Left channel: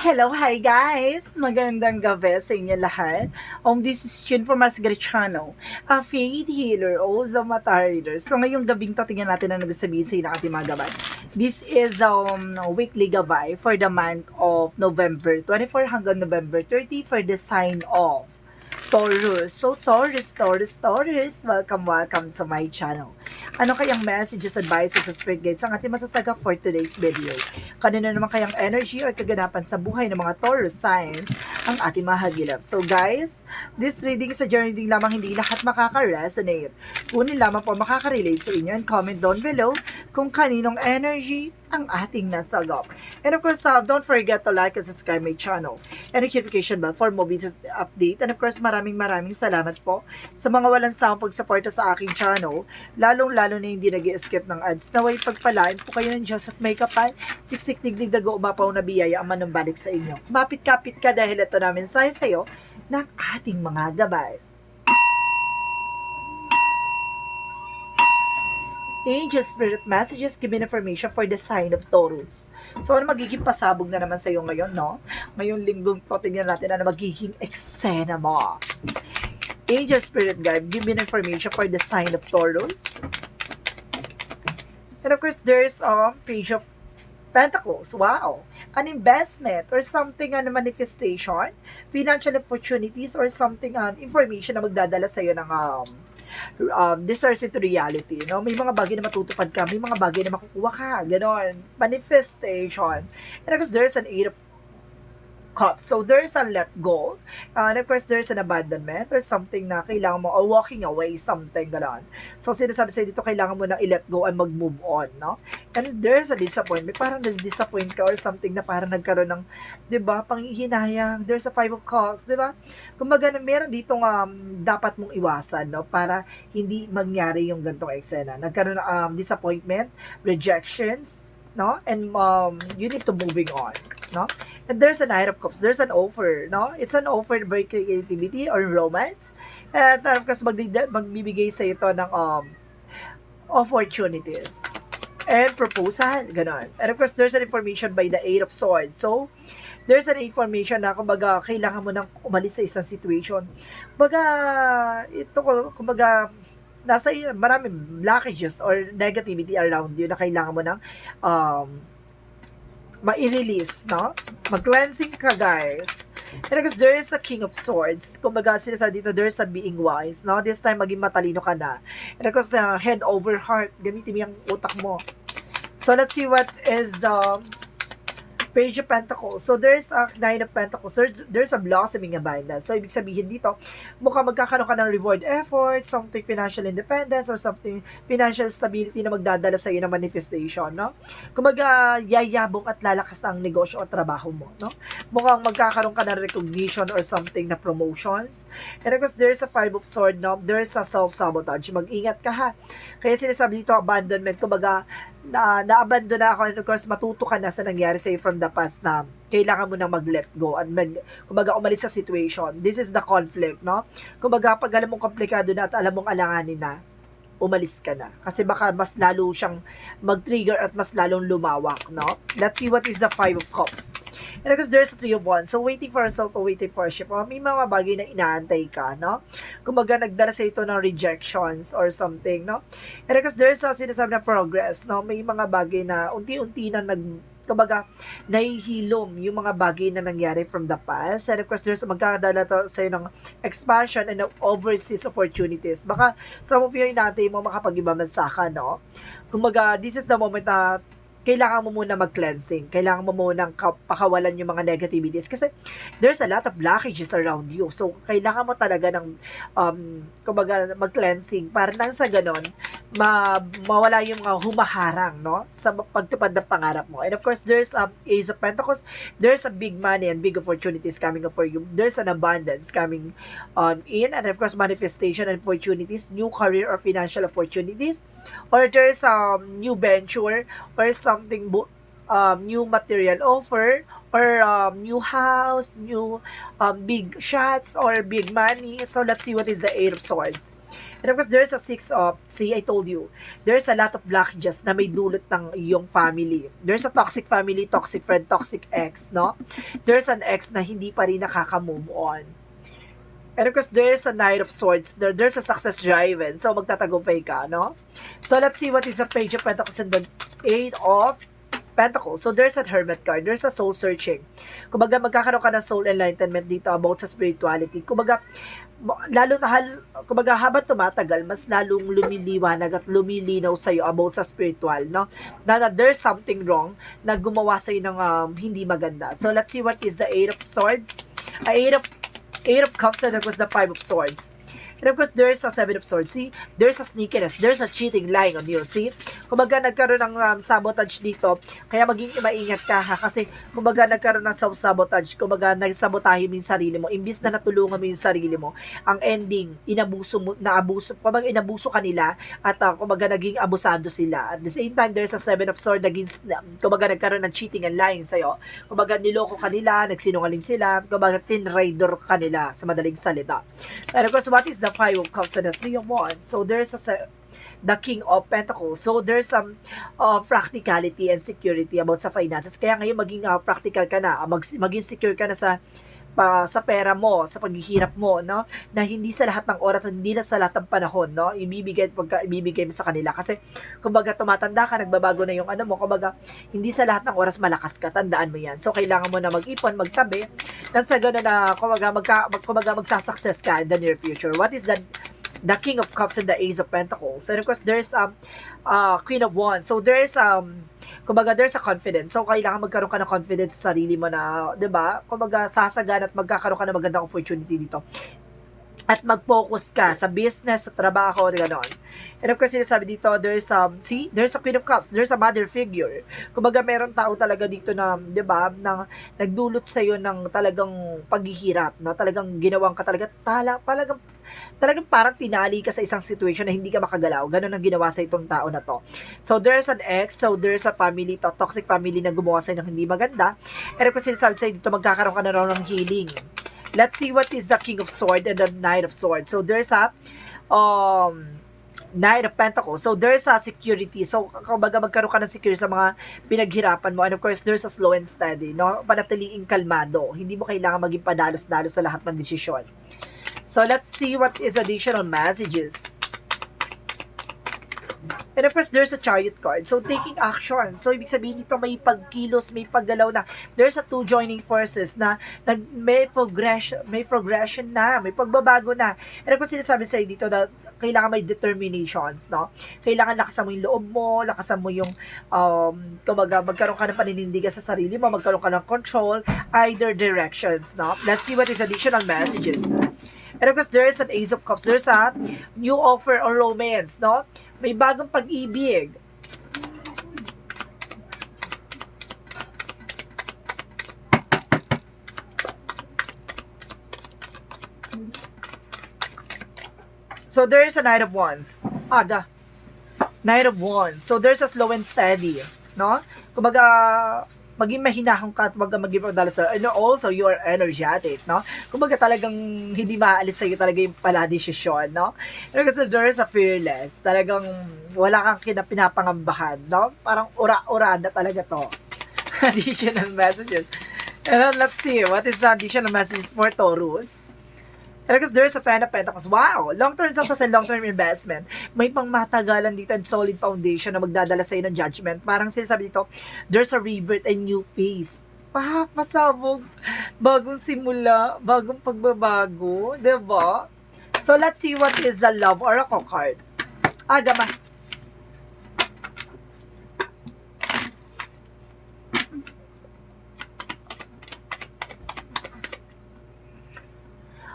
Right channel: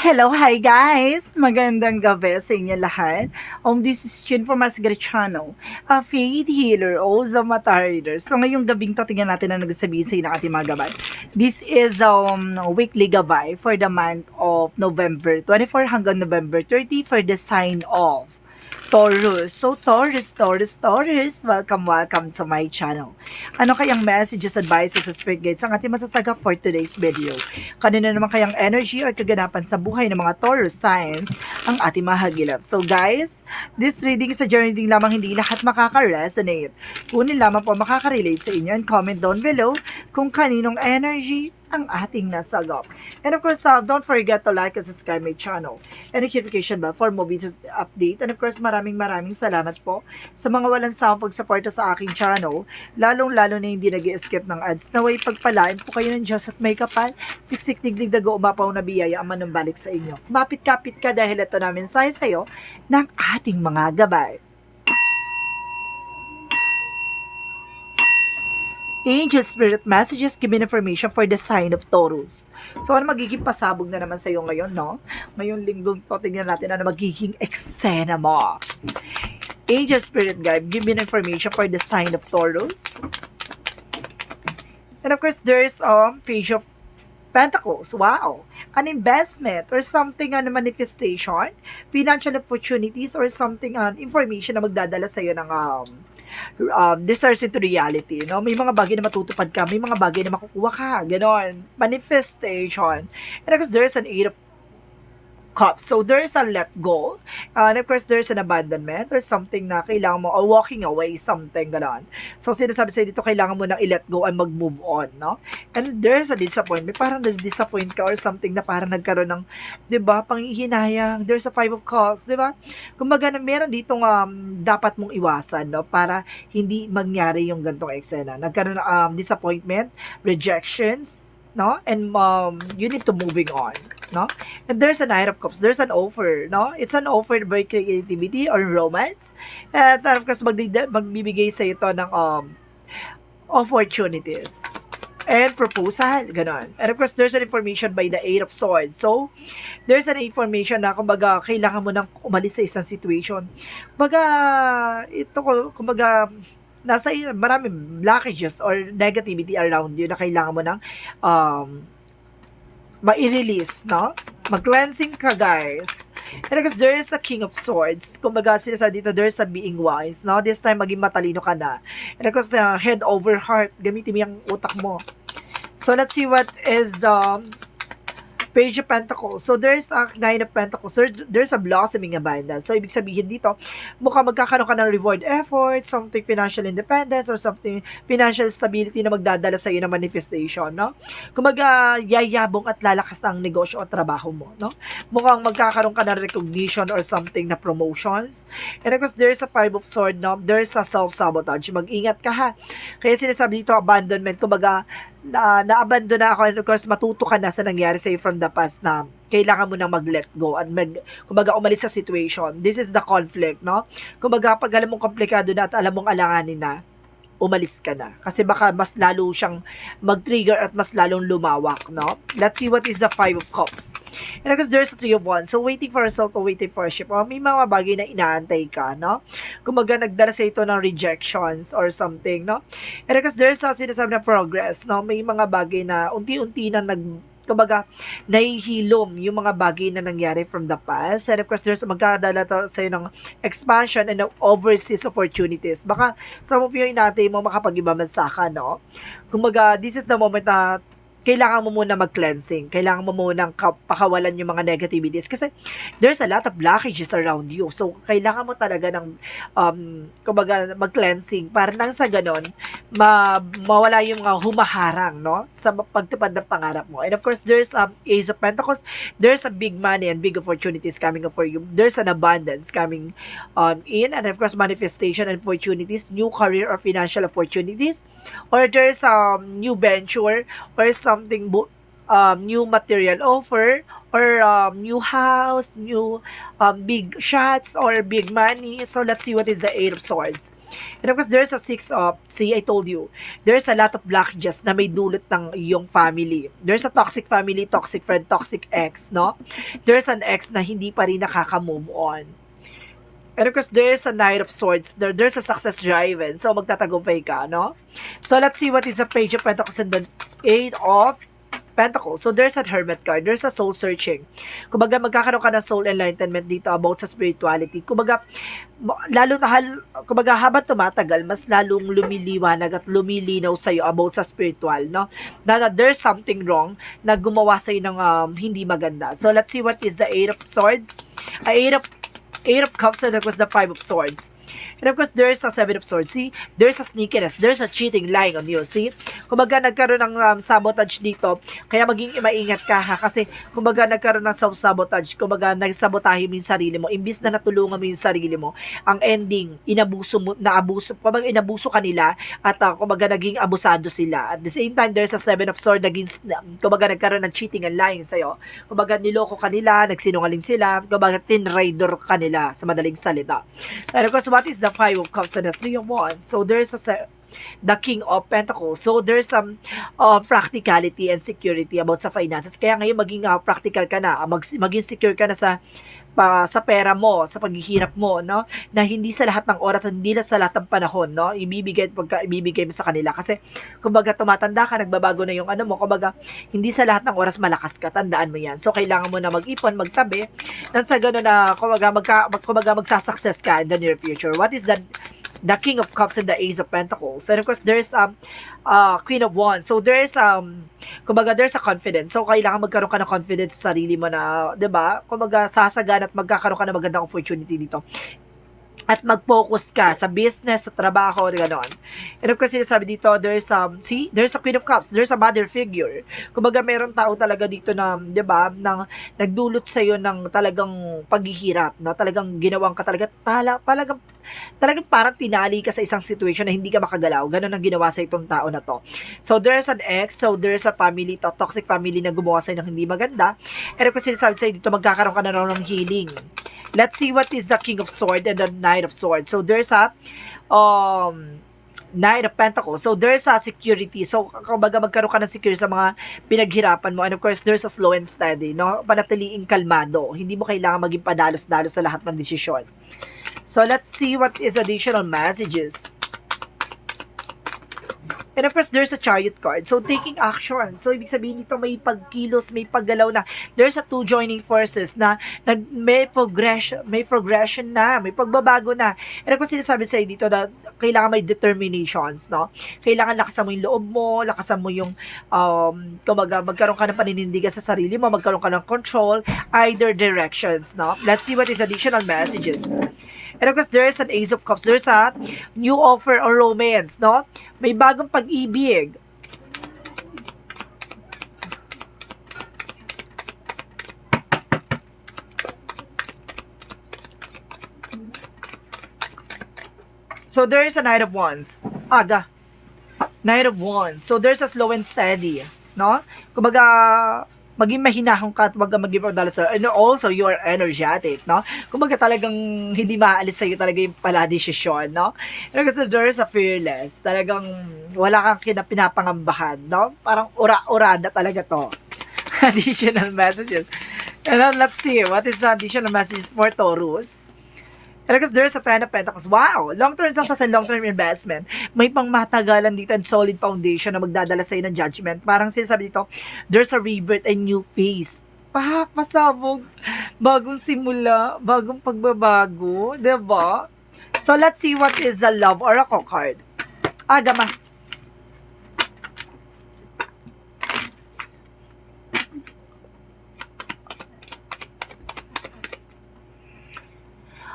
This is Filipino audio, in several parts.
Hello, hi guys! Magandang gabi sa inyo lahat. This is Chin from Asgari Channel, a faith healer o Zamata reader. So ngayong gabing to, tingnan natin ang nagsasabihin sa inyo ng ating mga gabay. This is weekly gabay for the month of November 24 hanggang November 30 for the sign of Taurus. So Taurus, welcome to my channel. Ano kayang messages, advices, at spirit guides ang ating masasaga for today's video? Kanina naman kayang energy or kaganapan sa buhay ng mga Taurus signs ang ating mahagilap. So guys, this reading is a journey din lamang, hindi lahat makaka-resonate. Kunin lamang po makaka-relate sa inyo and comment down below kung kaninong energy ang ating nasagap. And of course, don't forget to like and subscribe my channel and notification bell for more videos update. And of course, maraming salamat po sa mga walang sawang pagsuporta sa aking channel, lalong-lalo na hindi nag-skip ng ads. Naway pagpalain po kayo ng Diyos at may kapal, siksik digdig dago umapaw na biyaya ang manumbalik sa inyo. Kumapit-kapit ka dahil ito namin sa'yo ng ating mga gabay. Angel Spirit Messages giving information for the sign of Taurus. So, ano magiging pasabog na naman sa'yo ngayon, no? Ngayong linggong to, tingnan natin ano magiging eksena mo. Angel Spirit Guide giving information for the sign of Taurus. And of course, there's Page of Pentacles. Wow! An investment or something manifestation, financial opportunities or something information na magdadala sa'yo ng desires into reality, no? May mga bagay na matutupad ka, may mga bagay na makukuha ka, ganon. Manifestation. And of course, there's an Eight of Cups. So, there's a let go. And of course, there's an abandonment or something na kailangan mo, or walking away, something, ganon. So, sinasabi sa'yo dito, kailangan mo nang i-let go and mag-move on, no? And there's a disappointment. Parang na-disappoint ka or something na parang nagkaroon ng, di ba, panghihinayang. There's a Five of Cups, di ba? Kumbaga, meron ditong dapat mong iwasan, no? Para hindi mangyari yung gantong eksena. Nagkaroon ng disappointment, rejections, no? And you need to moving on, no? And there's a Knight of Cups. There's an offer, no? It's an offer by creativity or romance. And of course, magbibigay sa ito ng opportunities and proposal, ganon. And of course, there's an information by the Eight of Swords. So, there's an information na kumbaga kailangan mo nang umalis sa isang situation. Kumbaga, nasa maraming blockages or negativity around you na kailangan mo nang ma-release, no? Mag-cleansing ka, guys. And because there is a King of Swords, kumbaga sinasabi dito, there's a being wise, no? This time, maging matalino ka na. And because head over heart, gamitin mo yung utak mo. So, let's see what is the Page of Pentacles. So, there's a Nine of Pentacles. So, there's a blossoming abundance. So, ibig sabihin dito, mukhang magkakaroon ka ng reward effort, something financial independence, or something financial stability na magdadala sa iyo ng manifestation, no? Kumaga, yayabong at lalakas ang negosyo o trabaho mo, no? Mukhang magkakaroon ka ng recognition or something na promotions. And of course, there's a Five of Swords, no? There's a self-sabotage. Mag-ingat ka, ha? Kaya sinasabi dito, abandonment, kumaga, na-abandon na ako, and of course, matuto ka na sa nangyari sa'yo from the past na kailangan mo na mag-let go and kumbaga umalis sa situation. This is the conflict, no? Kumbaga, pag alam mong komplikado na at alam mong alanganin na, umalis ka na. Kasi baka mas lalo siyang mag-trigger at mas lalong lumawak, no? Let's see what is the Five of Cups. And because there's a Three of Wands. So, waiting for a result or waiting for a ship. May mga bagay na inaantay ka, no? Kumbaga, nagdala sa ito ng rejections or something, no? And because there's a sinasabi na progress, no? May mga bagay na unti-unti na kumbaga, nahihilom yung mga bagay na nangyari from the past. And of course, there's magkadala to sa'yo ng expansion and ng overseas opportunities. Baka some of you inaantay mo makapag-ibang bansa ka, no? Kumbaga, this is the moment na kailangan mo muna mag-cleansing. Kailangan mo muna pakawalan yung mga negativities. Kasi there's a lot of blockages around you. So, kailangan mo talaga ng, kumbaga, mag-cleansing para nang sa ganon, mawala yung mga humaharang, no? Sa pagtupad ng pangarap mo. And of course, there's Ace of Pentacles. There's a big money and big opportunities coming up for you. There's an abundance coming in. And of course, manifestation and opportunities, new career or financial opportunities. Or there's new venture or something new material offer or new house, new big shots or big money. So let's see what is the Eight of Swords. And of course, there's a Six of, see, I told you, there's a lot of blockages na may dulot ng iyong family. There's a toxic family, toxic friend, toxic ex, no? There's an ex na hindi pa rin nakaka-move on. And of course, there's a Knight of Swords. There's a success driven. So, magtatagumpay ka, no? So, let's see what is the Page of Pentacles and the Eight of Pentacles. So, there's a Hermit card. There's a soul searching. Kumbaga, magkakaroon ka ng soul enlightenment dito about sa spirituality. Kumbaga, kumbaga, habang tumatagal, mas lalong lumiliwanag at lumilinaw sa'yo about sa spiritual, no? Na there's something wrong na gumawa sa'yo ng hindi maganda. So, let's see what is the Eight of Swords. Eight of Cups, and of course the Five of Swords. And of course, there's a Seven of Swords. See? There's a sneakiness. There's a cheating, lying on you. See? Kumbaga, nagkaroon ng sabotage dito. Kaya maging maingat ka, ha? Kasi, kumbaga, nagkaroon ng self-sabotage. Kumbaga, nagsabotahe mo yung sarili mo. Imbis na natulungan mo yung sarili mo, ang ending, kumbaga, inabuso kanila at, kumbaga, naging abusado sila. At the same time, there's a Seven of Swords against, kumbaga, nagkaroon ng cheating and lying sa'yo. Kumbaga, niloko kanila, nagsinungaling sila, kumbaga, tinraidor kanila, sa madaling salita. And of course, what is the Five of Cups and the Three of Wands? So there's the King of Pentacles. So there's some practicality and security about sa finances. Kaya ngayon maging practical ka na, maging secure ka na sa pera mo, sa paghihirap mo, no? Na hindi sa lahat ng oras, hindi na sa lahat ng panahon, no? Ibibigay mo sa kanila kasi kumbaga tumatanda ka, nagbabago na yung ano mo, kumbaga hindi sa lahat ng oras malakas ka, tandaan mo yan. So kailangan mo na mag-ipon, magtabi, nang sa gano'n na kumbaga magsasucess ka in the near future. What is the King of Cups and the Ace of Pentacles? And of course, there's Queen of Wands. So there's kumbaga there's a confidence. So kailangan magkaroon ka ng confidence sa sarili mo na, 'di ba? Kumbaga sasagan at magkakaroon ka ng magandang opportunity dito. At mag-focus ka sa business, sa trabaho, gano'n. And of course, sinasabi dito, there's a Queen of Cups, there's a mother figure. Kumbaga, meron tao talaga dito na, di ba, nang nagdulot sa'yo ng talagang paghihirap, no? Talagang ginawang ka talagang parang tinali ka sa isang situation na hindi ka makagalaw. Ganun ang ginawa sa itong tao na to. So, there's an ex, so there's a family, toxic family na gumawa sa'yo ng hindi maganda. And of course, sinasabi sa'yo dito, magkakaroon ka na raw ng healing. Let's see what is the King of Swords and the Knight of Swords. So, there's a Knight of Pentacles. So, there's a security. So, kumbaga magkaroon ka ng security sa mga pinaghirapan mo. And of course, there's a slow and steady, no? Panatiliing kalmado. Hindi mo kailangan maging padalos-dalos sa lahat ng desisyon. So, let's see what is additional messages. And of course, there's a Chariot card. So, taking action. So, ibig sabihin nito may pagkilos, may paggalaw na. There's a two joining forces na may progression na, may pagbabago na. And of course, sinasabi sa'yo dito na kailangan may determinations, no? Kailangan lakasan mo yung loob mo, lakasan mo yung, kumbaga, magkaroon ka ng paninindigan sa sarili mo, magkaroon ka ng control, either directions, no? Let's see what is additional messages. And of course, there is an Ace of Cups. There's a new offer or romance, no? May bagong pag-ibig. So, there is a Knight of Wands. Knight of Wands. So, there's a slow and steady, no? Kumbaga, maging mahinahon ka at wag kang mag-give up sa, and also you're energetic, no? Kumbaga talagang hindi maalis sa'yo talaga yung pala desisyon, no? Kasi there's a fearless, talagang wala kang pinapangambahan, no? Parang ura-ura na talaga to. Additional messages. And then let's see, what is the additional messages for Taurus? Because there's a Ten of Pentacles. Wow! Long-term success and long-term investment. May pangmatagalan dito and solid foundation na magdadala sa'yo ng judgment. Parang sinasabi dito, there's a rebirth and new phase. Pasabog. Bagong simula. Bagong pagbabago. Diba? So, let's see what is the Love Oracle card. Gama.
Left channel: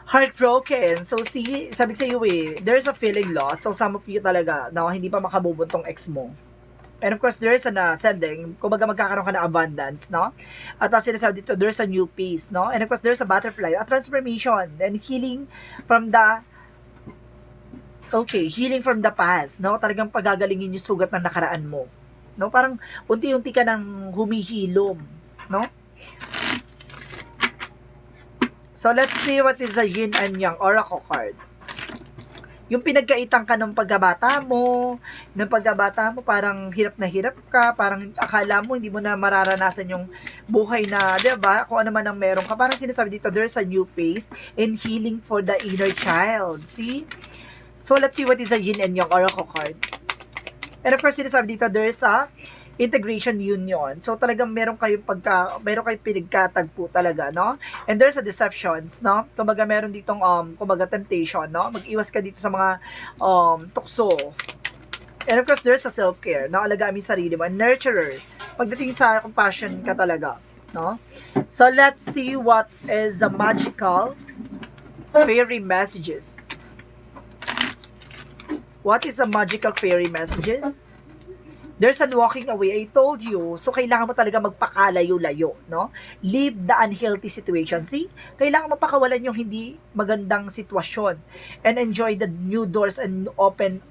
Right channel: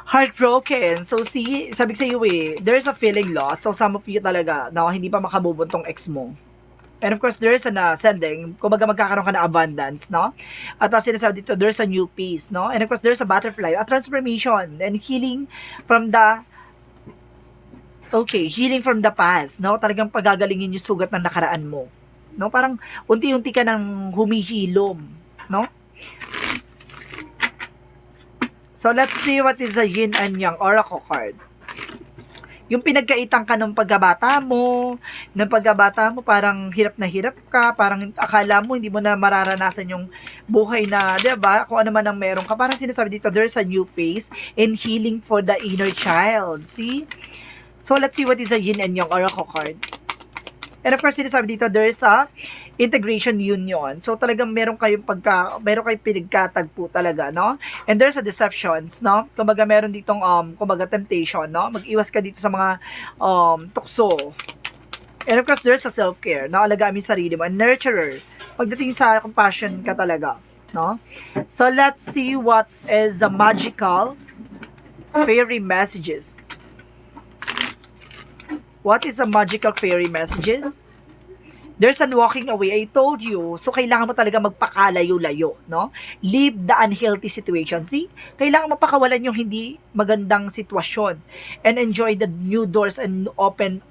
Heartbroken. So, see, sabi sa iyo there's a feeling lost. So, some of you talaga, na hindi pa makabubon tong ex mo. And of course, there's an ascending. Kumbaga, magkakaroon ka ng abundance, no? At sinasabi dito, there's a new peace, no? And of course, there's a butterfly, a transformation, and healing from the healing from the past, no? Talagang pagagalingin yung sugat ng nakaraan mo. No? Parang unti-unti ka nang humihilom, no? So, let's see what is the yin and yang oracle card. Yung pinagkaitan ka ng pagkabata mo, parang hirap na hirap ka, parang akala mo hindi mo na mararanasan yung buhay na, di ba, kung ano man ang meron ka. Parang sinasabi dito, there's a new phase and healing for the inner child. See? So, let's see what is the yin and yang oracle card. And of course, sinasabi dito, there's a integration union. So, talagang meron kayong pinagkatagpo talaga, no? And there's a deceptions, no? Kumbaga, meron ditong, kumbaga, temptation, no? Mag-iwas ka dito sa mga, tukso. And of course, there's a self-care, no? Alagaan mo yung sarili mo. A nurturer. Pagdating sa compassion ka talaga, no? So, let's see what is the magical fairy messages. What is the magical fairy messages? There's an walking away. I told you. So, kailangan mo talaga magpakalayo-layo, no? Leave the unhealthy situation. See? Kailangan mo pakawalan yung hindi magandang sitwasyon. And enjoy the new doors and open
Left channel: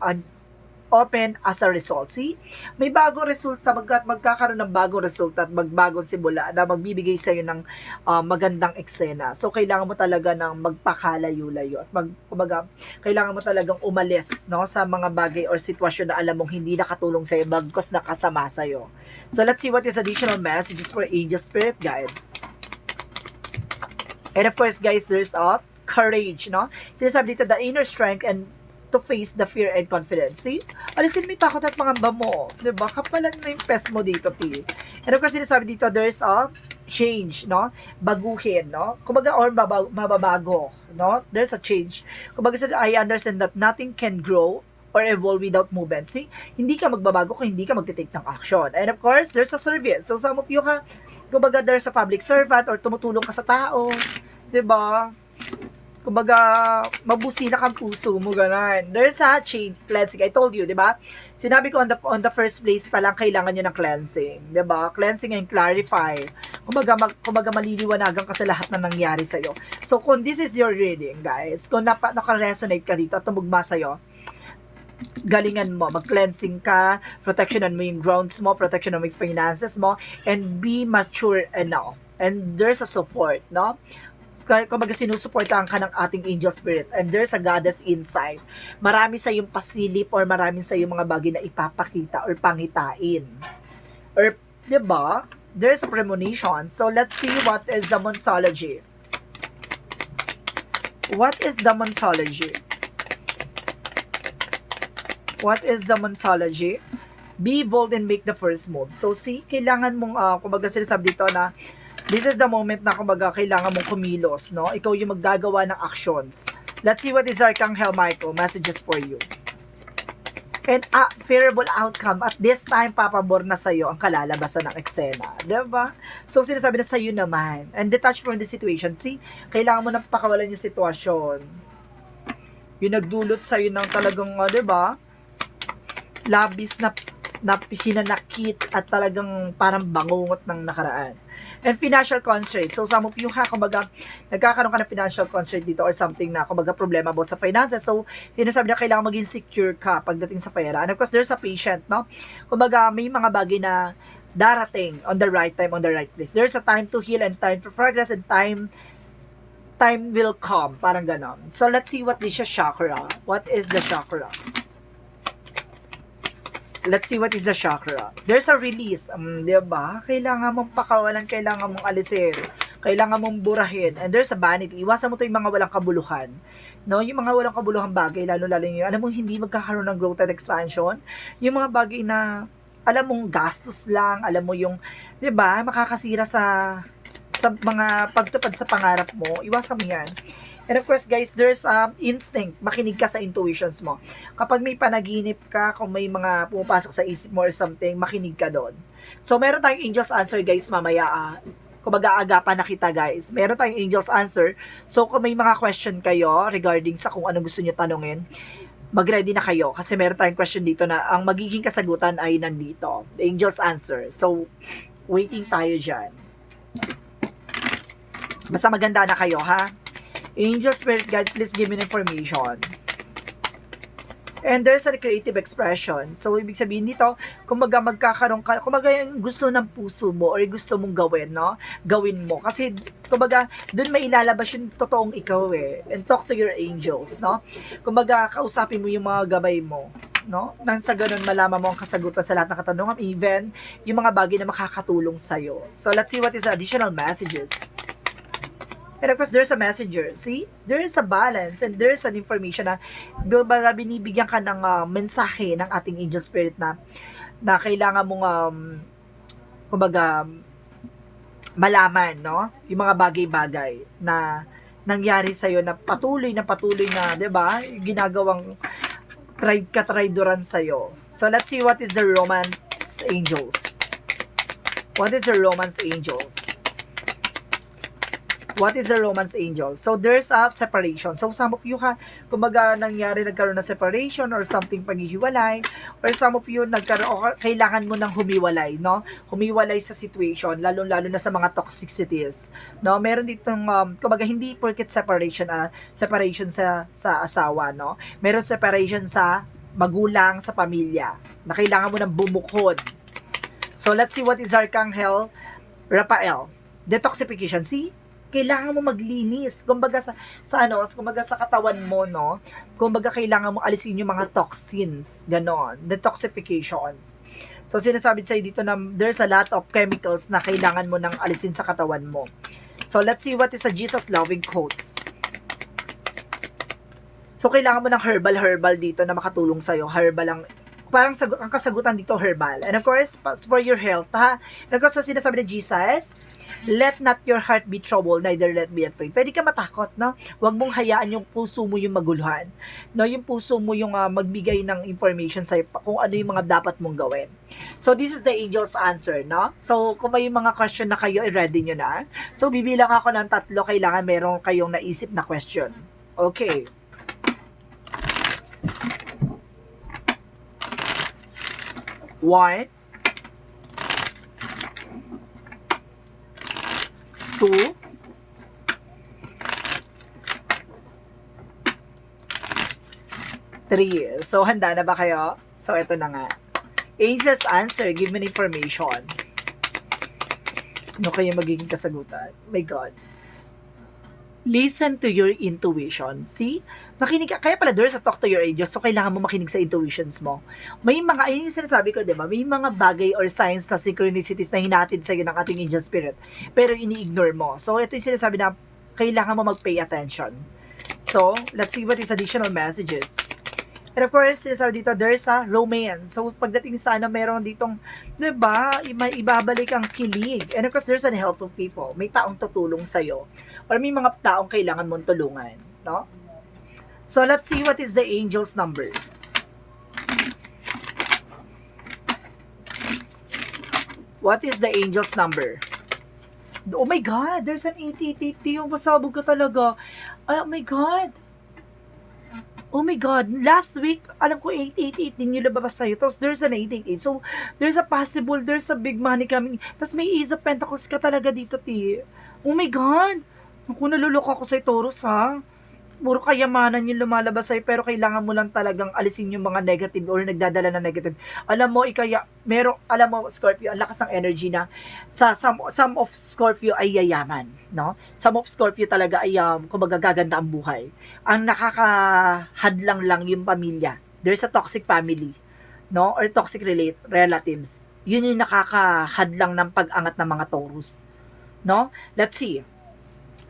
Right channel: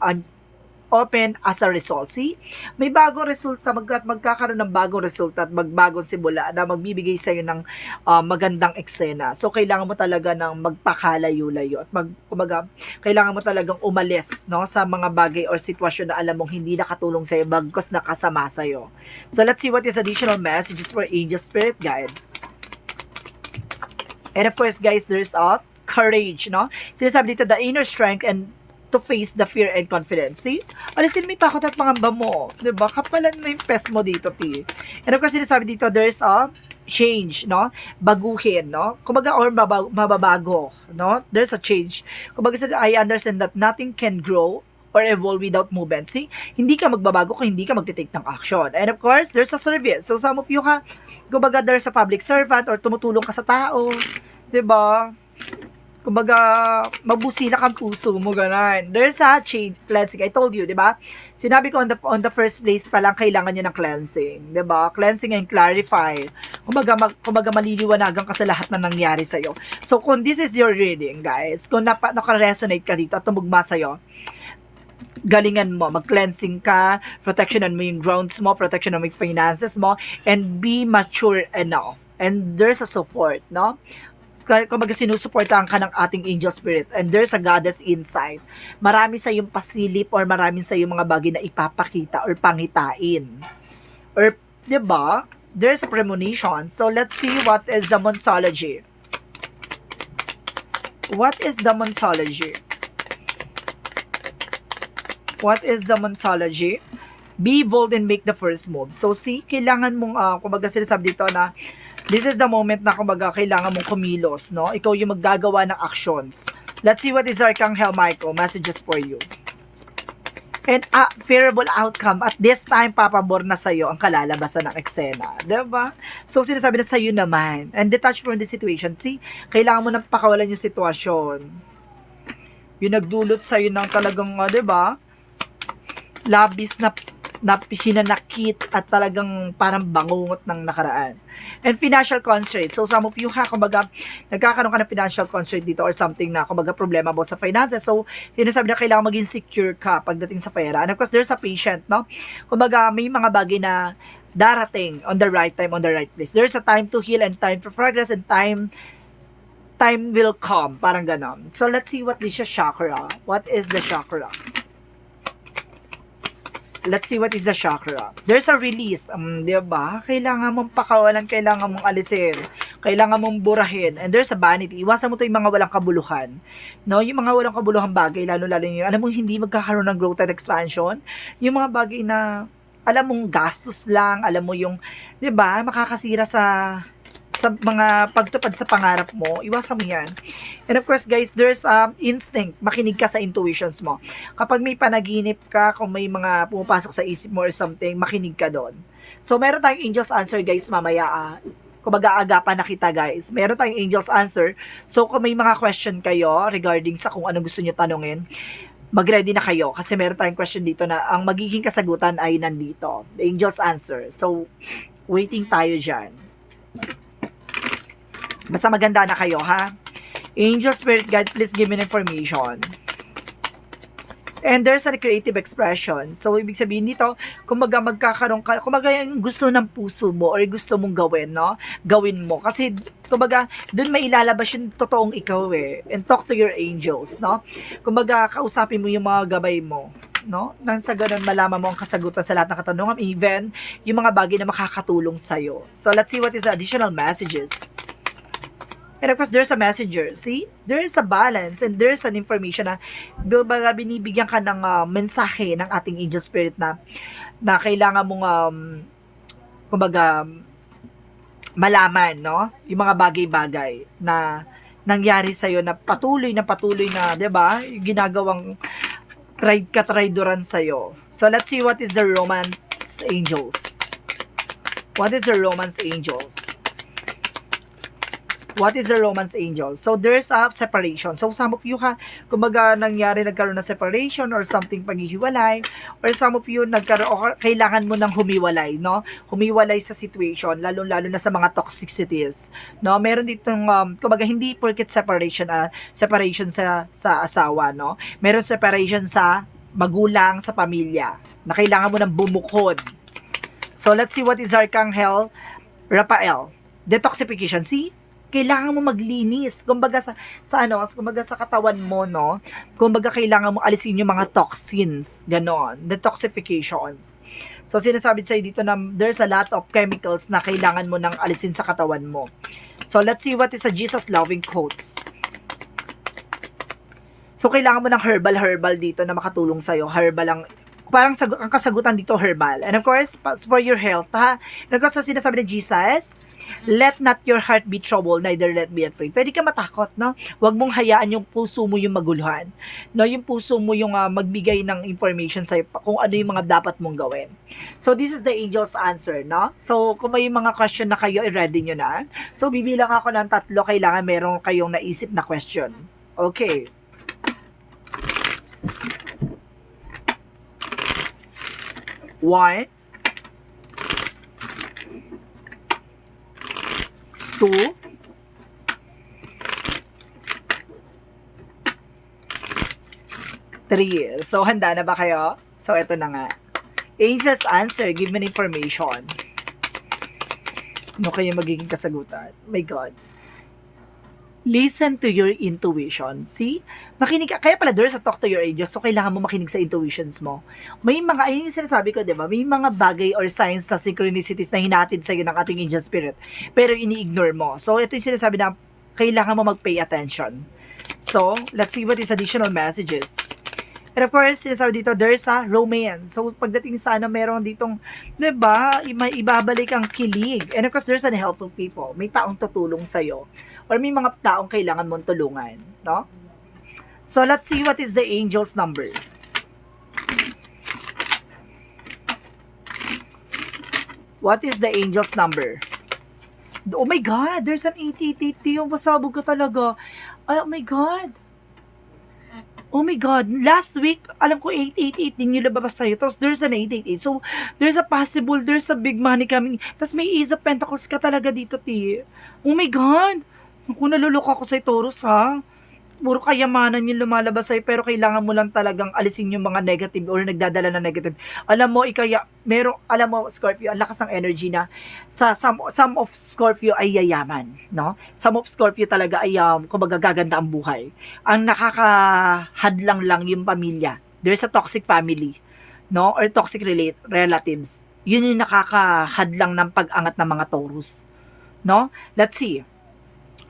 as a result. See? May bagong resulta. Magkakaroon ng bagong resulta at magbagong simula na magbibigay sa'yo ng magandang eksena. So, kailangan mo talaga ng magpakalayo-layo. At kumbaga, kailangan mo talagang umalis, no, sa mga bagay or sitwasyon na alam mong hindi nakatulong sa'yo, bagkos nakasama sa'yo. So, let's see what is additional messages for angel spirit guides. And of course, guys, there's a courage, no? Sinasabi dito, the inner strength and to face the fear and confidence. See? Alisin mo yung takot at pangamba mo. Diba? Kapalan mo yung pes mo dito, T. And of course, sinasabi dito, there's a change, no? Baguhin, no? Kumbaga, or mababago, no? There's a change. Kumbaga, I understand that nothing can grow or evolve without movement. See? Hindi ka magbabago kung hindi ka magtitake ng action. And of course, there's a service. So, some of you kumbaga, there's a public servant or tumutulong ka sa tao. Diba? Kumbaga, mabusila kang puso mo, ganun. There's a change, cleansing. I told you, di ba? Sinabi ko on the first place pa lang, kailangan nyo ng cleansing. Di ba? Cleansing and clarify. Kumbaga maliliwanagan ka sa lahat na nangyari sa'yo. So, kung this is your reading, guys, kung naka-resonate ka dito at tumugma sa'yo, galingan mo, mag-cleansing ka, protectionan mo yung grounds mo, protectionan mo yung finances mo, and be mature enough. And there's a support, no? Kumbaga sinusuportahan ka ng ating angel spirit and there's a goddess inside. Marami sa yung pasilip or marami sa yung mga bagay na ipapakita or pangitain. Or, di ba? There's a premonition. So, let's see what is the Monsology. What is the Monsology? What is the Monsology? Be bold and make the first move. So, see, kailangan mong, kumbaga sinasabi dito na this is the moment na kumbaga kailangan mong kumilos, no? Ikaw yung maggagawa ng actions. Let's see what is Archangel Michael messages for you. And favorable outcome. At this time, papabor na sa'yo ang kalalabasan ng eksena. Diba? So, sinasabi na sa'yo naman. And detach from the situation. See, kailangan mo nang pakawalan yung sitwasyon. Yung nagdulot sa'yo ng talagang, diba? Labis na hinanakit at talagang parang bangungot ng nakaraan. And financial constraint. So, some of you kumbaga, nagkakaroon ka ng financial constraint dito or something na, kumbaga, problema about sa finances. So, sinasabi na kailangan maging secure ka pagdating sa pera. And of course, there's a patient, no? Kumbaga, may mga bagay na darating on the right time, on the right place. There's a time to heal and time for progress and time will come. Parang ganon. So, let's see what is the chakra. What is the chakra? Let's see what is the chakra. There's a release. Diba? Kailangan mong pakawalan, kailangan mong alisin, kailangan mong burahin. And there's a vanity. Iwasan mo to yung mga walang kabuluhan. No? Yung mga walang kabuluhan bagay, lalo-lalo yung, alam mo, hindi magkakaroon ng growth and expansion. Yung mga bagay na, alam mong gastos lang, alam mo yung, diba, makakasira sa mga pagtupad sa pangarap mo, iwasan mo yan. And of course, guys, there's instinct. Makinig ka sa intuitions mo. Kapag may panaginip ka, kung may mga pumapasok sa isip mo or something, makinig ka doon. So, meron tayong angel's answer, guys, mamaya. Kumbaga, agapan na kita, guys. Meron tayong angel's answer. So, kung may mga question kayo regarding sa kung ano gusto nyo tanungin, mag-ready na kayo. Kasi meron tayong question dito na ang magiging kasagutan ay nandito. The angel's answer. So, waiting tayo dyan. Basta maganda na kayo, ha? Angel Spirit Guide, please give me information. And there's a creative expression. So, ibig sabihin dito, kumbaga magkakaroon ka, kumbaga yung gusto ng puso mo or gusto mong gawin, no? Gawin mo. Kasi, kumbaga, dun may ilalabas yung totoong ikaw eh. And talk to your angels, no? Kumbaga, kausapin mo yung mga gabay mo, no? Nang sa ganun, malaman mo ang kasagutan sa lahat ng katanungan, even yung mga bagay na makakatulong sa'yo. So, let's see what is the additional messages. And of course, there's a messenger. See? There is a balance and there's an information na binibigyan ka ng mensahe ng ating angel spirit na kailangan mong kumbaga malaman, no? Yung mga bagay-bagay na nangyari sa iyo na patuloy na, 'di ba? Ginagawang katrayduran sa iyo. So let's see what is the romance angels. What is the romance angels? What is the romance angel? So, there's a separation. So, some of you kumbaga nagkaroon ng separation or something paghihiwalay, or some of you or kailangan mo ng humiwalay, no? Humiwalay sa situation, lalo-lalo na sa mga toxicities, no? Meron ditong, kumbaga hindi porket separation sa asawa, no? Meron separation sa magulang, sa pamilya, na kailangan mo ng bumukod. So, let's see what is Archangel Raphael. Detoxification. See? Kailangan mo maglinis, kumbaga kumbaga sa katawan mo, no? Kumbaga kailangan mo alisin yung mga toxins, ganon, detoxifications. So sinasabi sa'yo dito na there's a lot of chemicals na kailangan mo nang alisin sa katawan mo. So let's see what is a Jesus loving quotes. So kailangan mo ng herbal dito na makatulong sa'yo, herbal ang parang ang kasagutan dito herbal. And of course, for your health, ha? And of course, so sinasabi ni Jesus, let not your heart be troubled, neither let be afraid. Pwede ka matakot, no? Huwag mong hayaan yung puso mo yung maguluhan. No, yung puso mo yung magbigay ng information sa'yo kung ano yung mga dapat mong gawin. So, this is the angel's answer, no? So, kung may mga question na kayo, i-ready nyo na. So, bibilang ako ng 3, kailangan meron kayong naisip na question. Okay. One, 2, 3. So, handa na ba kayo? So, ito na nga. Angel's answer, give me information. Ano kayo magiging kasagutan? My God. Listen to your intuition. See? Makinig ka. Kaya pala there's a talk to your angels. So, kailangan mo makinig sa intuitions mo. May mga, ayun yung sinasabi ko, di ba? May mga bagay or signs na synchronicities na hinatid sa'yo ng ating angel spirit. Pero ini-ignore mo. So, ito yung sinasabi na kailangan mo mag-pay attention. So, let's see what is additional messages. And of course, sinasabi dito, there's a romance. So, pagdating sa meron ditong, di ba, may ibabalik ang kilig. And of course, there's an helpful people. May taong tutulong sa'yo. Or may mga taong kailangan mong tulungan. No? So, let's see what is the angel's number. What is the angel's number? Oh my God! There's an 8880. Yung pasabog ka talaga. Oh my God! Oh my God! Last week, alam ko 888 din yung labas sa'yo. Tapos there's an 888. So, there's a big money coming. Tapos may Ace of Pentacles ka talaga dito, T. Oh my God! Naku, naluloko ako sa'yo, Taurus, ha? Puro kayamanan yung lumalabas sa'yo, pero kailangan mo lang talagang alisin yung mga negative or nagdadala na negative. Alam mo, Scorpio, ang lakas ng energy na sa some of Scorpio ay yayaman, no? Some of Scorpio talaga ay kumbaga gaganda ang buhay. Ang nakakahadlang lang yung pamilya. There's a toxic family, no? Or toxic relatives. Yun yung nakakahadlang ng pag-angat ng mga Taurus, no? Let's see.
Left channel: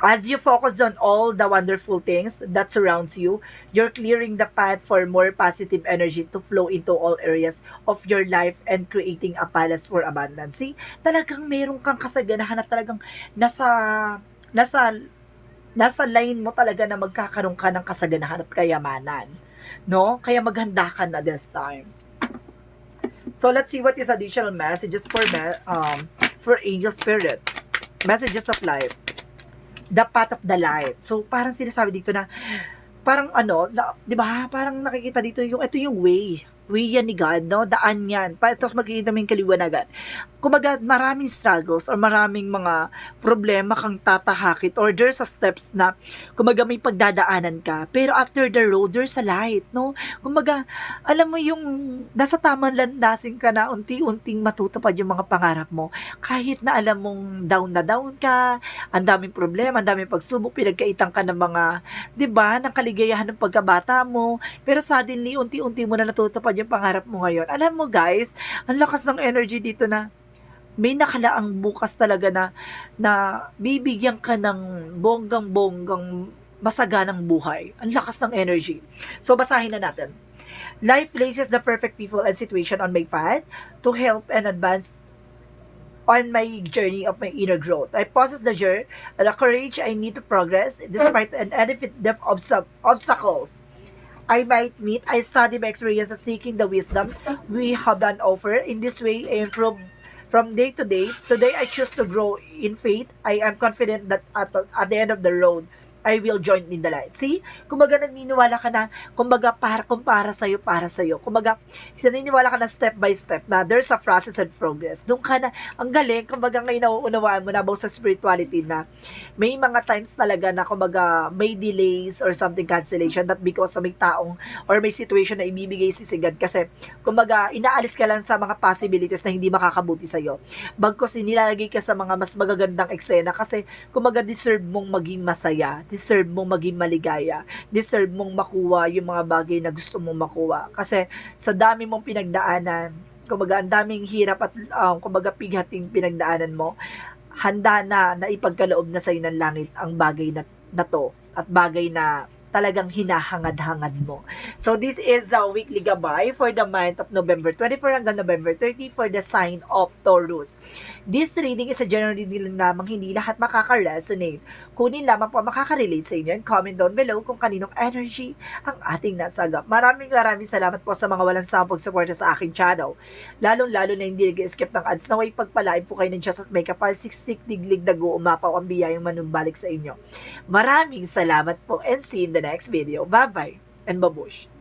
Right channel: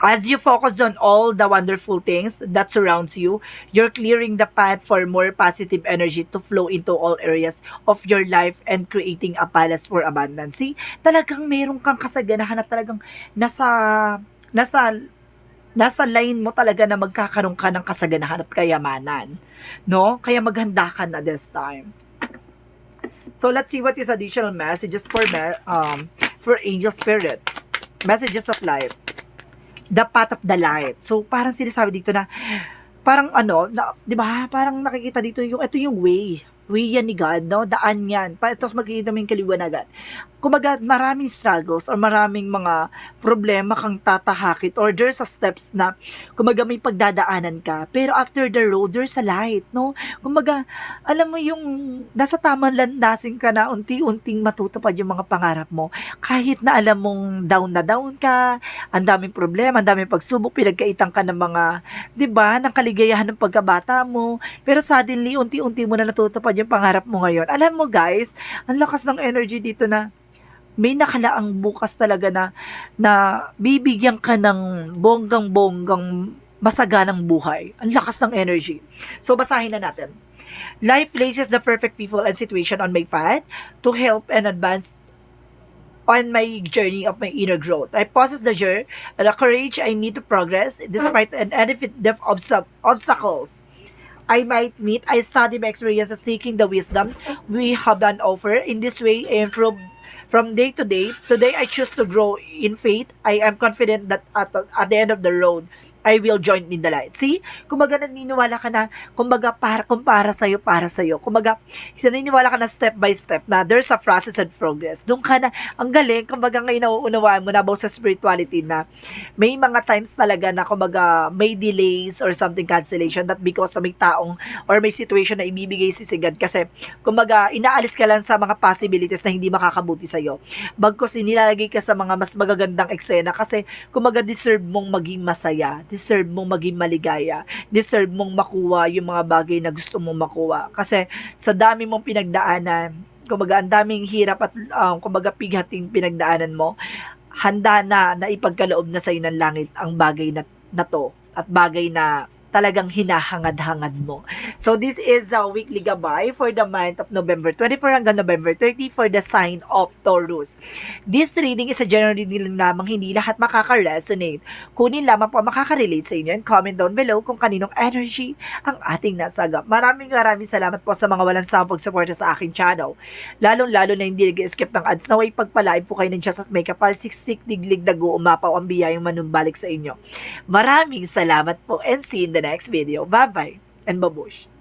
As you focus on all the wonderful things that surrounds you, you're clearing the path for more positive energy to flow into all areas of your life and creating a palace for abundance. See, talagang meron kang kasaganahan na talagang nasa line mo talaga na magkakaroon ka ng kasaganahan at kayamanan. No? Kaya maghanda ka na this time. So, let's see what is additional messages for angel spirit. Messages of life. The path of the light. So, parang sinasabi dito na, parang 'di ba? Parang nakikita dito ito yung way. way yan ni God, no? Daan yan. Tapos magkikita mo yung kaliwanagan. Kumbaga, maraming struggles or maraming mga problema kang tatahakit or there's a steps na kumbaga may pagdadaanan ka. Pero after the road, there's a light, no? Kumbaga, alam mo yung nasa tamang landasin ka na unti-unting matutupad yung mga pangarap mo. Kahit na alam mong down na down ka, ang daming problema, ang daming pagsubok, pinagkaitan ka ng mga, 'di ba, ng kaligayahan ng pagkabata mo, pero suddenly unti-unti mo na natutupad yung pangarap mo ngayon. Alam mo guys, ang lakas ng energy dito na may nakalaang bukas talaga na bibigyan ka ng bonggang-bonggang masaganang buhay. Ang lakas ng energy. So basahin na natin. Life places the perfect people and situation on my path to help and advance on my journey of my inner growth. I possess the courage I need to progress despite an infinite depth of obstacles I might meet. I study my experiences seeking the wisdom we have on offer. In this way, I improve from day to day. Today, I choose to grow in faith. I am confident that at the end of the road, I will join in the light. See? Kumbaga naniniwala ka na, kumbaga kung para sa'yo. Kumbaga, naniniwala ka na step by step na there's a process and progress. Doon ka na, ang galing, kumbaga ngayon nauunawaan mo na about sa spirituality na may mga times talaga na kumbaga may delays or something cancellation that because of may taong or may situation na ibibigay si God kasi kumbaga inaalis ka lang sa mga possibilities na hindi makakabuti sa'yo. Bagkos inilalagay ka sa mga mas magagandang eksena kasi kumbaga deserve mong maging masaya, deserve mong maging maligaya, deserve mong makuha yung mga bagay na gusto mong makuha. Kasi sa dami mong pinagdaanan, kumbaga ang daming hirap at kumbaga pighating pinagdaanan mo, handa na ipagkaloob na sa'yo ng langit ang bagay na to at bagay na talagang hinahangad-hangad mo. So this is a weekly gabay for the month of November 24 hanggang November 30 for the sign of Taurus. This reading is a general reading lamang, hindi lahat makaka-resonate. Kunin lamang po makaka-relate sa inyo and comment down below kung kaninong energy ang ating nasagap. Maraming salamat po sa mga walang sawang pagsuporta sa aking channel. Lalong-lalo na hindi nag-skip ng ads, naway pagpalain po kayo ng Diyos at may kapal siksik diglig dago umapaw ang biyayang manumbalik sa inyo. Maraming salamat po and see you in the next video. Bye-bye and babush!